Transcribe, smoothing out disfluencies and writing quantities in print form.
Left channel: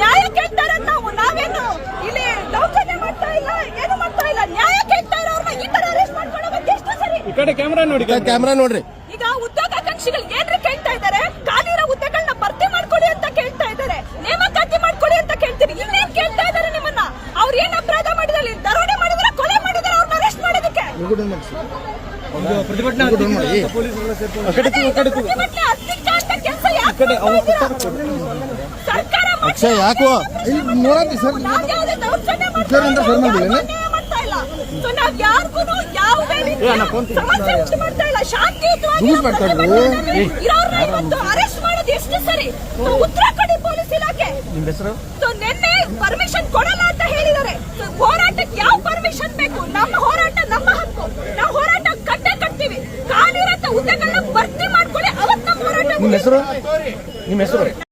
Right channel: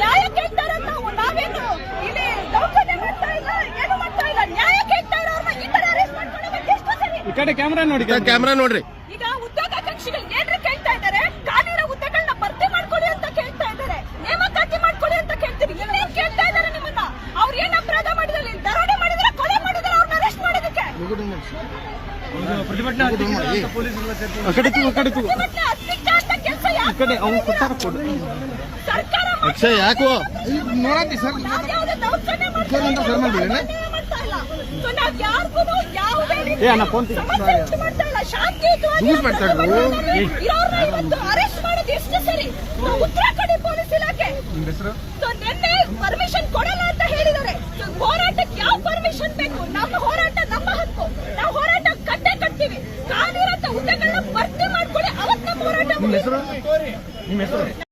ನ್ಯಾಯ ಕೇಳ್ತಾರೆ. ನಾವೇನು ಇಲ್ಲಿ ದೌರ್ಜನ್ಯ ಮಾಡ್ತಾ ಇಲ್ಲ, ಏನು ಮಾಡ್ತಾ ಇಲ್ಲ. ನ್ಯಾಯ ಕೇಳ್ತಾ ಇರೋರ್ನ ಈ ತರ ಅರೆಸ್ಟ್ ಮಾಡ್ಕೊಂಡು ಹೋಗೋದು ಎಷ್ಟು ಸರಿ? ಈ ಕಡೆ ಕ್ಯಾಮ್ರಾ ನೋಡಿ, ಕ್ಯಾಮ್ರಾ ನೋಡ್ರಿ. ಈಗ ಉದ್ಯೋಗಾಕಾಂಕ್ಷಿಗಳು ಏನ್ರಿ ಕೇಳ್ತಾ ಇದಾರೆ? ಖಾಲಿರೋ ಹುದ್ದೆಗಳನ್ನ ಭರ್ತಿ ಮಾಡ್ಕೊಳ್ಳಿ ಅಂತ ಕೇಳ್ತಾ ಇದಾರೆ, ನೇಮಕಾತಿ ಮಾಡ್ಕೊಳ್ಳಿ ಅಂತ ಕೇಳ್ತೀರಿ. ಇನ್ನೇನ್ ಕೇಳ್ತಾ ಇದಾರೆ ನಿಮ್ಮನ್ನ? ಅವ್ರು ಏನ್ ಅಪರಾಧ ಮಾಡಿದ್ರೆ, ದರೋಡೆ ಮಾಡಿದ್ರೆ, ಕೊಲೆ ಮಾಡಿದ್ರೆ, ಅವ್ರನ್ನ ಅರೆಸ್ಟ್ ಮಾಡೋದಕ್ಕೆ ಪ್ರತಿಭಟನೆ ಅಕ್ಷಯ್ ಯಾಕೋ ಯಾರಿಗೂ ಯಾವುದೇ ಸಮಸ್ಯೆ ಉಂಟು ಮಾಡ್ತಾ ಇಲ್ಲ. ಶಾಂತಿಯುತವಾಗಿ ಇವತ್ತು ಅರೆಸ್ಟ್ ಮಾಡೋದು ಎಷ್ಟು ಸರಿ? ಉತ್ತರ ಕೊಡಿ ಪೊಲೀಸ್ ಇಲಾಖೆ. ನಿನ್ನೆ ಪರ್ಮಿಷನ್ ಕೊಡಲ್ಲ ಅಂತ ಹೇಳಿದ್ದಾರೆ. ಹೋರಾಟಕ್ಕೆ ಯಾವ ಪರ್ಮಿಷನ್ ಬೇಕು? ನಮ್ಮ ಹೋರಾಟ ನಮ್ಮ ಹಕ್ಕು. ನಾವು ಹೋರಾಟ ಕಟ್ಟೆ ಕಟ್ತೀವಿ. ಖಾಲಿರಂತ ಹುದ್ದೆಗಳನ್ನ ಭರ್ತಿ ಮಾಡ್ಕೊಳ್ಳಿ, ಅವತ್ತು ನಮ್ಮ ಹೋರಾಟ. ನಿಮ್ಮ ಹೆಸರು?